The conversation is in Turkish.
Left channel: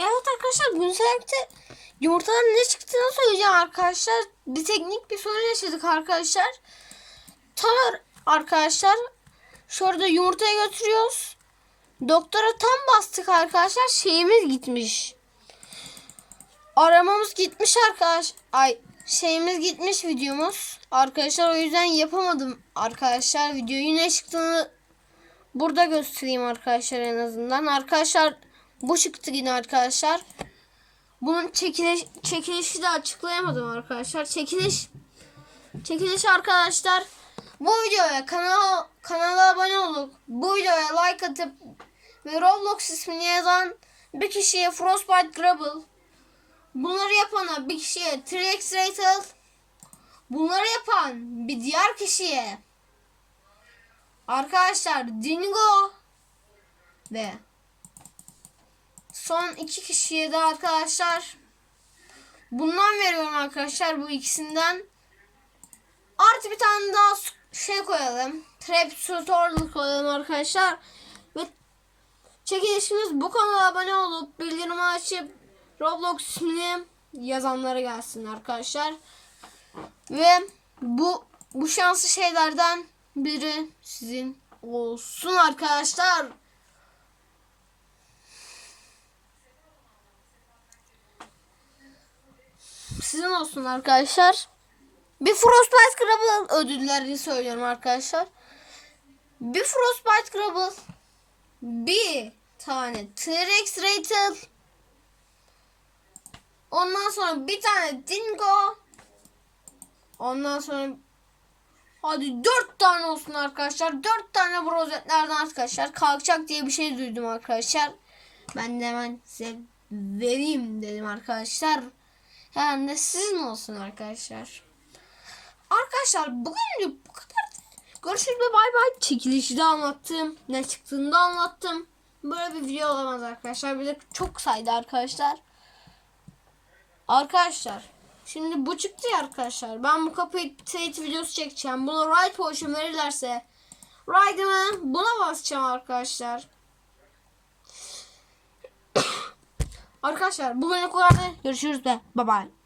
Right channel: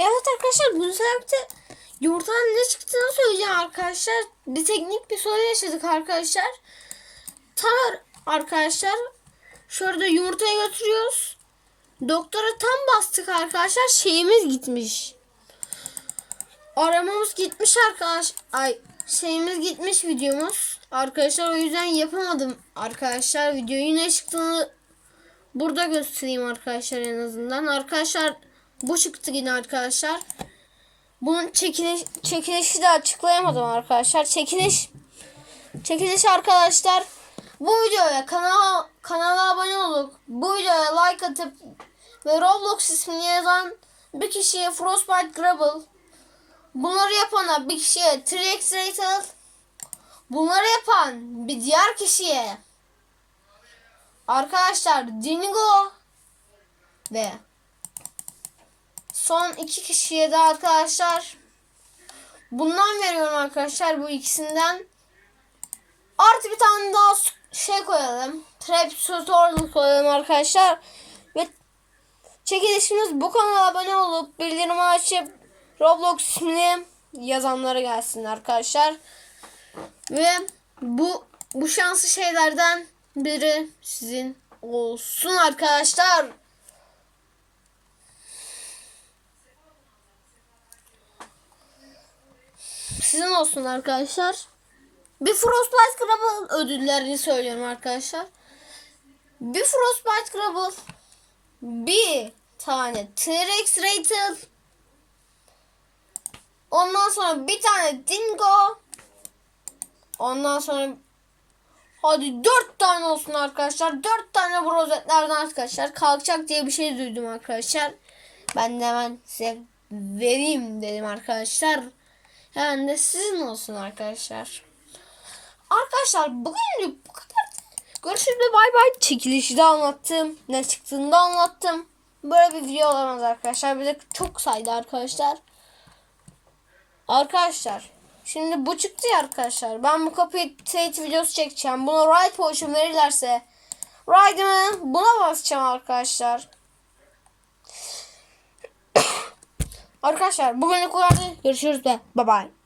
Evet arkadaşlar bugün sizlerle yumurtanın ne çıktığını söyleyeceğim arkadaşlar. Bir teknik bir sorun yaşadık arkadaşlar. Tam arkadaşlar şurada yumurtayı götürüyoruz. Doktora tam bastık arkadaşlar şeyimiz gitmiş. Aramamız gitmiş arkadaş. Ay şeyimiz gitmiş videomuz. Arkadaşlar o yüzden yapamadım arkadaşlar. Videoyu ne çıktığını burada göstereyim arkadaşlar en azından. Arkadaşlar bu çıktı yine arkadaşlar. Bunun çekiliş, çekilişi de açıklayamadım arkadaşlar. Çekiliş çekiliş arkadaşlar. Bu videoya kanala kanala abone olup bu videoya like atıp ve Roblox ismini yazan bir kişiye Frostbite Grubble bunları yapana bir kişiye 3x Rated bunları yapan bir diğer kişiye arkadaşlar Dingo ve son iki kişiye de arkadaşlar bundan veriyorum arkadaşlar. Bu ikisinden artı bir tane daha şey koyalım. Trap tutorial koyalım arkadaşlar. Ve çekilişimiz bu kanala abone olup bildirimi açıp Roblox ismini yazanlara gelsin arkadaşlar. Ve bu bu şanslı şeylerden biri sizin olsun arkadaşlar. Sizin olsun arkadaşlar. Bir Frostbite Grubble ödüllerini söylüyorum arkadaşlar. Bir Frostbite Grubble. Bir tane T-Rex Rated. Ondan sonra bir tane Dingo. Ondan sonra hadi dört tane olsun arkadaşlar. Dört tane bu rozetlerden arkadaşlar. Kalkacak diye bir şey duydum arkadaşlar. Ben de hemen size vereyim dedim arkadaşlar. Hemen de sizin olsun arkadaşlar. Arkadaşlar bugün bu kadar. Görüşürüz bay bay. Çekilişi de anlattım. Ne çıktığını da anlattım. Böyle bir video olamaz arkadaşlar. Bir de çok saydı arkadaşlar. Arkadaşlar. Şimdi bu çıktı ya arkadaşlar. Ben bu kapıyı teyit videosu çekeceğim. Buna ride potion verirlerse ride'ımı buna basacağım arkadaşlar. Arkadaşlar bugün bu kadar. Görüşürüz ve bye bye.